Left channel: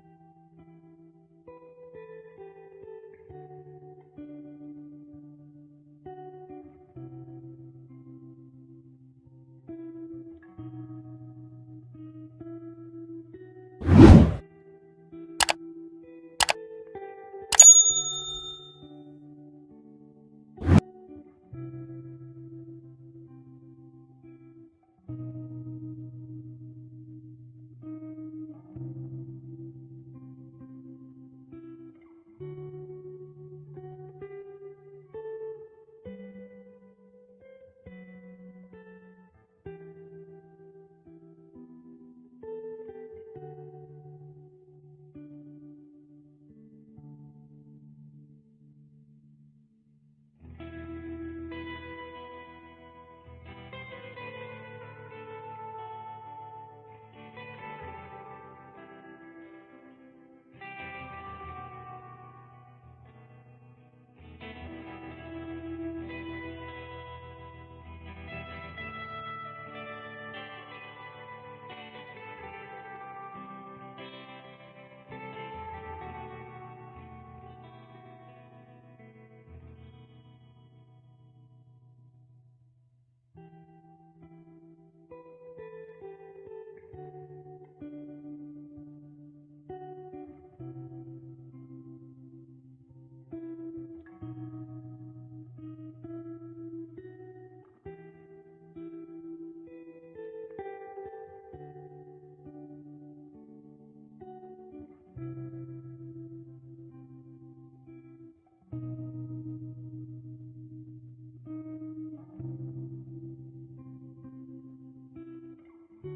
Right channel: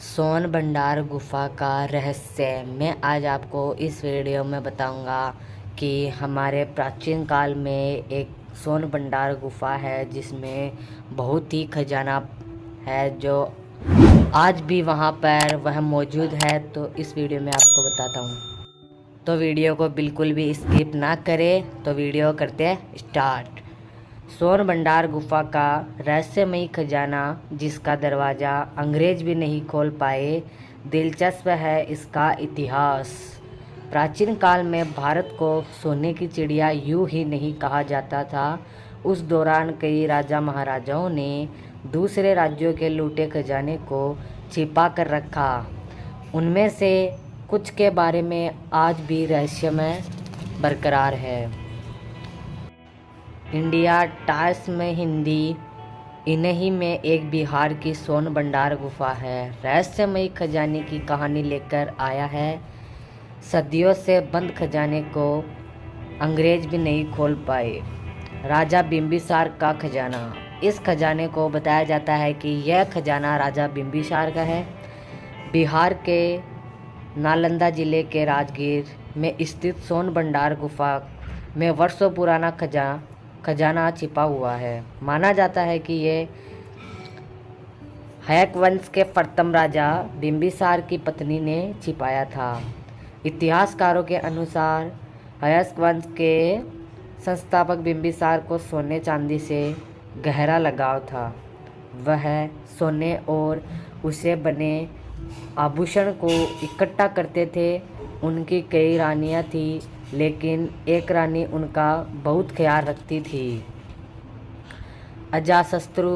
सोन भंडार गुफा का रहस्य मैं आज आपको इस वीडियो में बताऊंगा कि हमारे प्राचीन काल में एक सोन भंडार गुफा है जिसमें बहुत ही खजाना है जो आज भी वहां पर वह मौजूद है। तो इस वीडियो में आपको बताता हूं, तो वीडियो को बिल्कुल भी स्किप ना करें। तो वीडियो करते हैं स्टार्ट। सोन भंडार गुफा का रहस्यमयी खजाना जिसका दरवाज़ा अंग्रेज भी नहीं खोल पाए। दिलचस्प है इसका इतिहास। प्राचीन काल में भारत को सोने की चिड़िया यूं ही नहीं कहा जाता था। उस दौरान कई राजा महाराजाओं ने दूसरे राज्यों के लूटे खजाने को छिपा कर रखा। उनमें से कुछ के बारे में आज भी रहस्यमय बरकरार है। इंडिया टाइम्स में हिंदी इन्हीं में एक बिहार की सोन भंडार गुफा है रहस्यमयी खजाने की कहानी लेकर आया है। सदियों से बंद खजाने को अंग्रेज भी नहीं खोल पाए। राजा बिम्बिसार का खजाना। इस खजाने को बताया जाता है कि यह खजाना राजा बिम्बिसार का है। बिहार के नालंदा जिले के राजगीर में स्थित सोन भंडार गुफा में वर्षों पुराना खजाना छिपा हुआ है। माना जाता है कि ये हयक वंश के प्रथम राजा बिम्बिसार की पत्नी ने छिपाया था। इतिहासकारों के अनुसार हयक वंश के संस्थापक बिम्बिसार को सोने चांदी से गहरा लगाव था। वह सोने और उसे बने आभूषण को इकट्ठा करते थे। उनकी कई रानियां थी, लेकिन एक रानी उनका बहुत ख्याल रखती थी। अजातशत्रु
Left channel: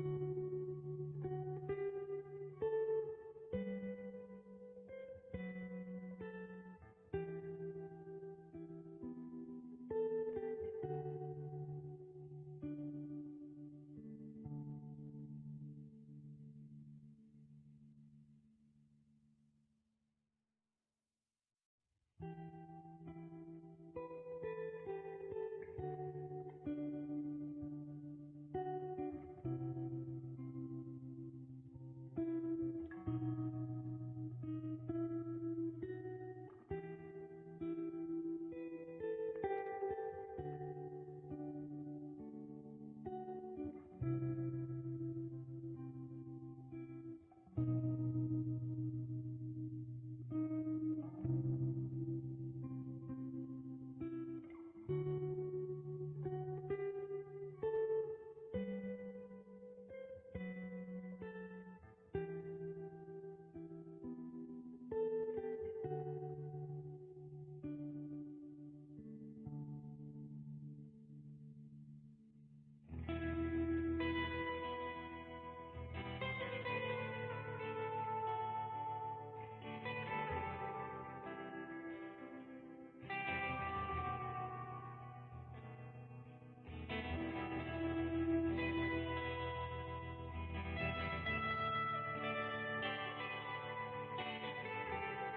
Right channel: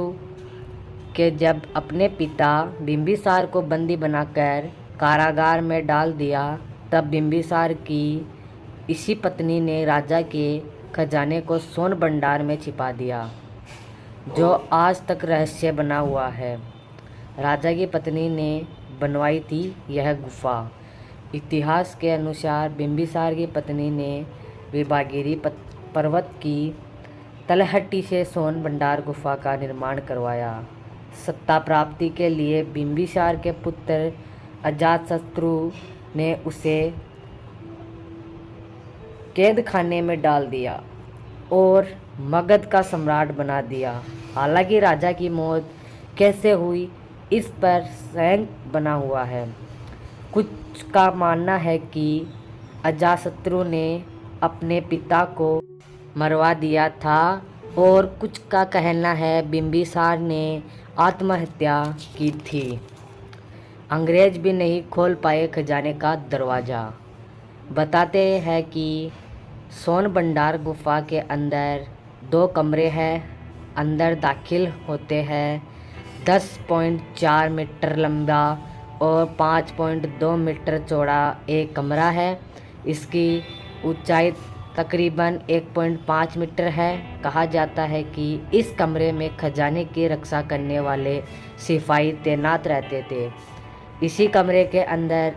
के जब अपने पिता बिम्बिसार को बंदी बनाकर कारागार में डाल दिया, तब बिम्बिसार की इसी पत्नी ने राजा के खजाने को सोन भंडार में छिपा दिया, जो आज तक रहस्य बना हुआ है। राजा की पत्नी ने बनवाई थी यह गुफा। इतिहास के अनुसार बिम्बिसार की पत्नी ने विभागिरी पर्वत की तलहटी से सोन भंडार गुफा का निर्माण करवाया। सत्ता प्राप्ति के लिए बिम्बिसार के पुत्र अजातशत्रु ने उसे कैद खाने में डाल दिया और मगध का सम्राट बना दिया। हालांकि राजा की मौत कैसे हुई इस पर संदेह बना हुआ है। कुछ का मानना है कि अजातशत्रु ने अपने पिता को मरवा दिया था और कुछ का कहना है बिम्बिसार ने आत्महत्या की थी। अंग्रेज भी नहीं खोल पाए खजाने का दरवाज़ा। बताते हैं कि सोन भंडार गुफा के अंदर 2 कमरे हैं। अंदर दाखिल होते हैं 10.4 मीटर लंबा और 5.2 मीटर चौड़ा एक कमरा है। इसकी ऊंचाई तकरीबन 1.5 मीटर है। कहा जाता है कि इस कमरे में खजाने की रक्षा करने वाले सिपाही तैनात रहते थे। इसी कमरे के अंदर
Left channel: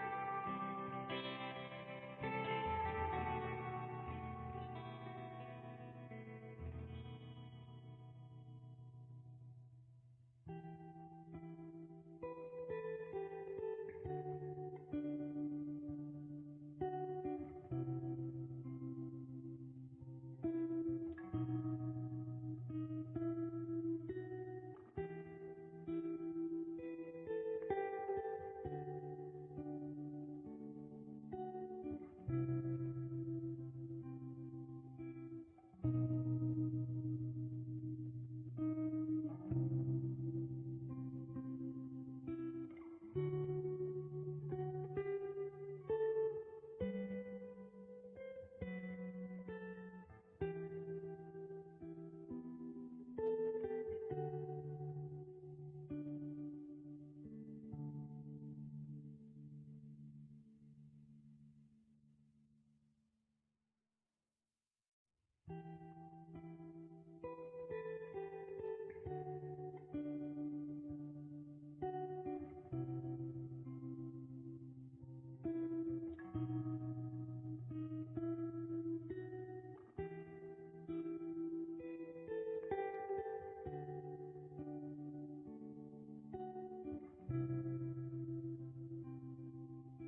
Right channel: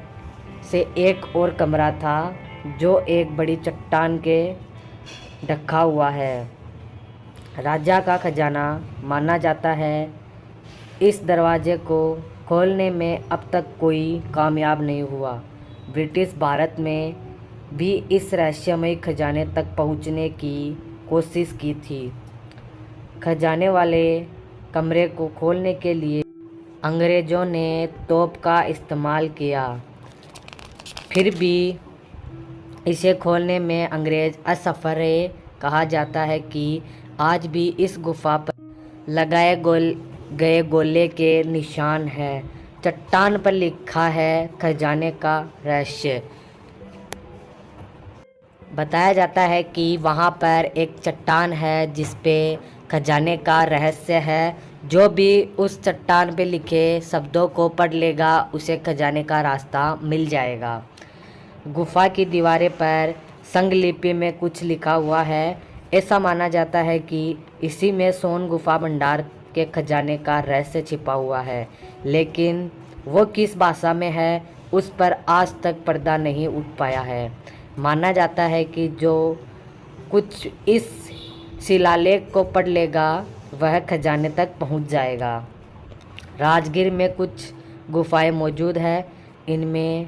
से एक और कमरा था जो एक बड़ी चट्टान के ढका हुआ है। राजा का खजाना माना जाता है। इस दरवाजे को खोलने में अब तक कोई कामयाब नहीं हुआ। ब्रिटिश भारत में भी इस रहस्यमयी खजाने तक पहुंचने की कोशिश की थी। खजाने वाले कमरे को खोलने के लिए अंग्रेज़ों ने तोप का इस्तेमाल किया, फिर भी इसे खोलने में अंग्रेज़ असफल रहे। कहा जाता है कि आज भी इस गुफा पर लगाए गए गोले के निशान हैं। चट्टान पर लिखा है खजाने का रहस्य। बताया जाता है कि वहाँ पर एक चट्टान है जिस पे खजाने का रहस्य है। जो भी उस चट्टान पे लिखे शब्दों को पढ़ लेगा उसे खजाने का रास्ता मिल जाएगा। गुफा की दीवारें पर संगलिपि में कुछ लिखा हुआ है। ऐसा माना जाता है कि इसी में सोन गुफा भंडार के खजाने का रहस्य छिपा हुआ है, लेकिन वो किस भाषा में है उस पर आज तक पर्दा नहीं उठ पाया है। माना जाता है कि जो कुछ इस शिलालेख को पढ़ लेगा वह खजाने तक पहुंच जाएगा। राजगीर में कुछ गुफाएं मौजूद है। इनमें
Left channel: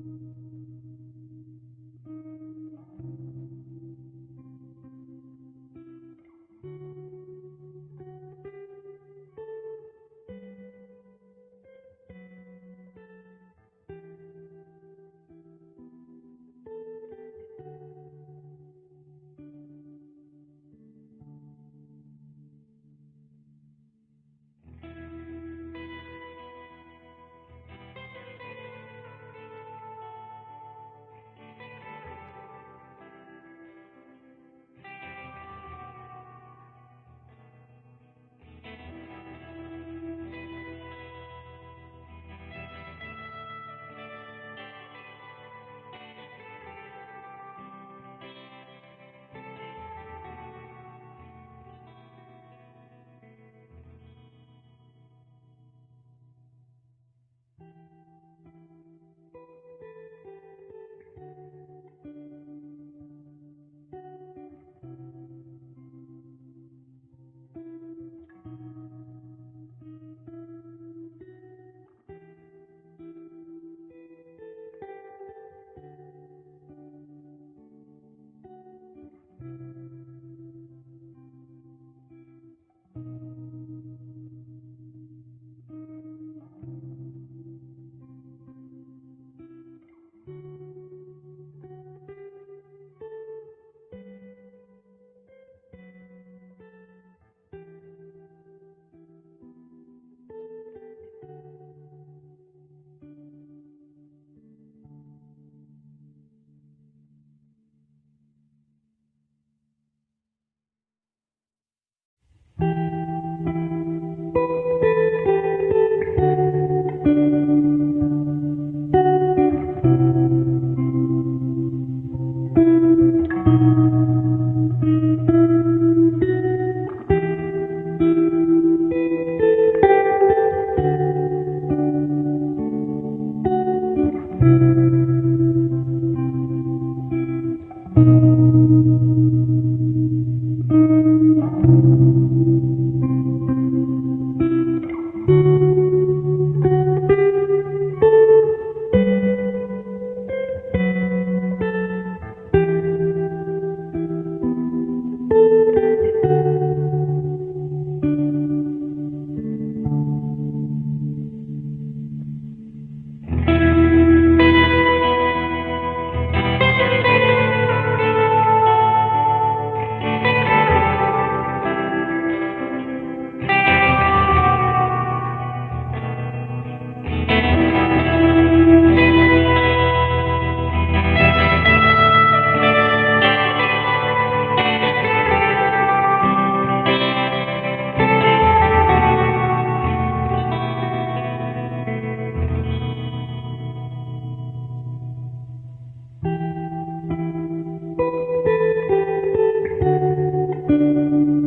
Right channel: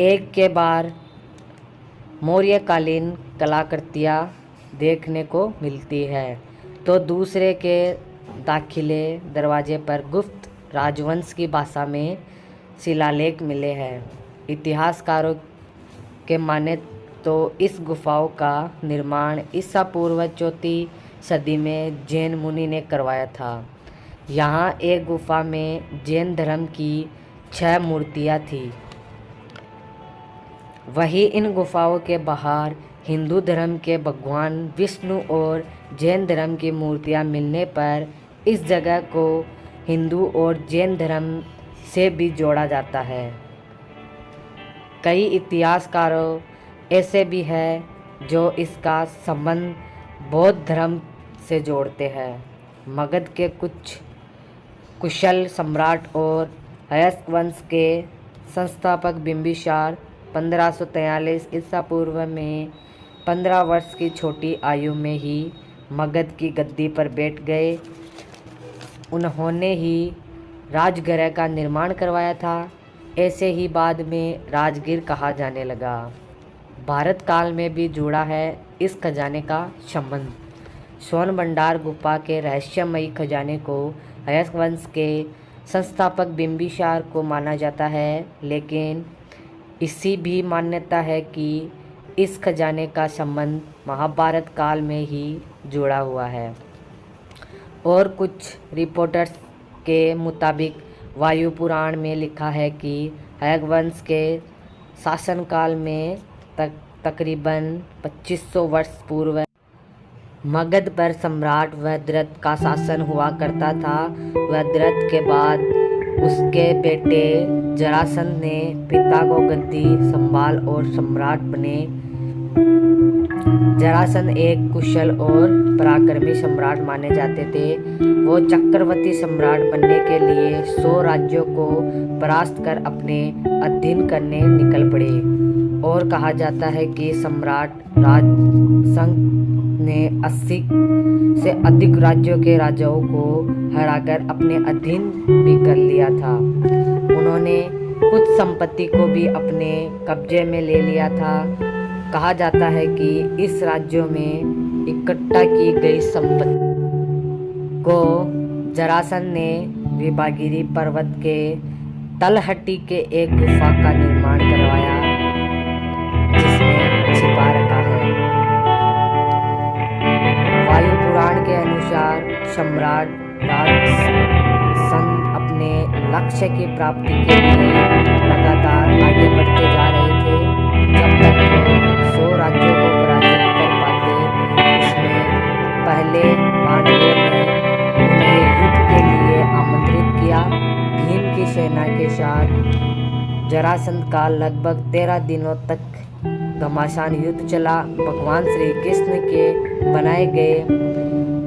एक के बाद मौर्यकालीन कलाकृतियाँ देखने को मिलती है, तो दूसरे के दाखिले दरवाजे पर गुप्त राजवंश की भाषा में शिलालेख मिले हैं। इतिहासकारों के माने तो इस गुफाओं का निर्माण ईसा पूर्व 4वीं सदी में जैन मुनि ने करवाया था। यहाँ एक गुफा में जैन धर्म की 6 मूर्तियाँ थीं। वहीं इन गुफाओं के बाहर हिंदू धर्म के भगवान विष्णु और जैन धर्म की मूर्तियाँ मिलने पर इस जगह को हिंदू और जैन धर्म से भी जोड़ा जाता है। कई इतिहासकारों ऐसे भी हैं जो इसका संबंध बौद्ध धर्म से जोड़ते हैं। मगध के कुछ कुशल सम्राट और हयस्क वंश के संस्थापक बिंबिसार 1543 ईसा पूर्व में 15 वर्ष की छोटी आयु में ही मगध की गद्दी पर बैठ गए। उन्होंने ही राजगृह का निर्माण करवाया था। ऐसे ही बाद में राजगीर कहा जाने लगा। भारत काल में भी जुड़ा है इस खजाने का संबंध। स्वर्ण भंडार गुफा के रहस्यमयी खजाने को हयस्क वंश के संस्थापक बिंबिसार को माना जाता है, लेकिन इसी भी मान्यता है कि इस खजाने का संबंध महाभारत काल में ही जुड़ा हुआ है। और कुछ रिपोर्टर्स के मुताबिक वायु पुराण में लिखा है कि हयस्क वंश के शासनकाल में तकरीबन 2500 वर्ष पूर्व मगध पर सम्राट वज्रथ का शासन हुआ करता था। वज्रथ के बाद उसके बेटे जरासंध ने पिता को गद्दी संभाल और सम्राट बने। जरासंध एक कुशल और पराक्रमी सम्राट माने जाते थे। वो चक्रवर्ती सम्राट बनने के लिए 100 राज्यों को परास्त कर अपने अधीन करने निकल पड़े। और कहा जाता है कि सम्राट राजसंघ ने 80 से अधिक राज्यों के राजाओं को हराकर अपने अधीन भी कर लिया था। उन्होंने कुछ संपत्ति को भी अपने कब्जे में ले लिया था। कहा जाता है कि इस राज्यों में इकट्ठा की गई संपत्ति को जरासंध ने विभागिरी पर्वत के तलहटी के एक गुफा का निर्माण करवाया, जिसमें छिपा रखा है। वायु पुराण के अनुसार सम्राट जरासंध अपने लक्ष्य की प्राप्ति के लिए लगातार आगे बढ़ते जा रहे थे। जब तक 100 राज्यों को पराजित कर पाते। इसमें पहले पांडवों ने उन्हें युद्ध के लिए आमंत्रित किया। भीम की सेना के साथ जरासंध का लगभग 13 दिनों तक घमासान युद्ध चला। भगवान श्री कृष्ण के बनाए गए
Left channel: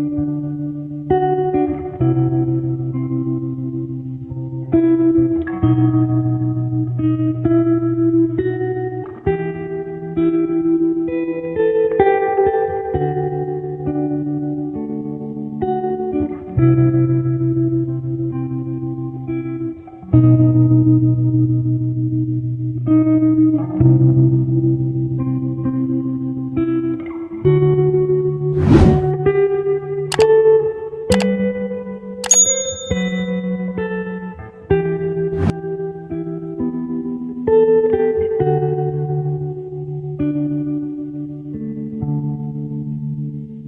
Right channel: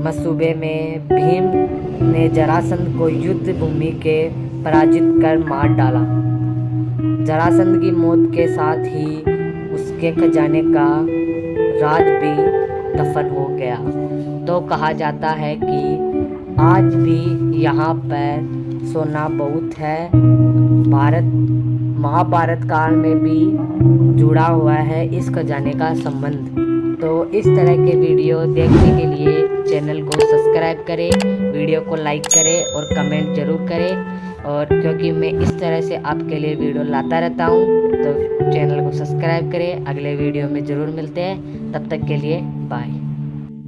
मसूबे में भीम ने जरासंध को युद्ध भूमि के पराजित कर मार डाला। जरासंध की मौत के साथ ही उसके खजाने का राज भी दफन हो गया। तो कहा जाता है कि आज भी यहाँ पर सोना बहुत है। महाभारत काल में भी जुड़ा हुआ है इस खजाने का संबंध। तो इस तरह के वीडियो देखने के लिए चैनल को सब्सक्राइब करें, वीडियो को लाइक करें और कमेंट जरूर करें। और क्योंकि मैं इस तरह से आपके लिए वीडियो लाता रहता हूँ, तो चैनल को सब्सक्राइब करें। अगले वीडियो में ज़रूर मिलते हैं। तब तक के लिए बाय।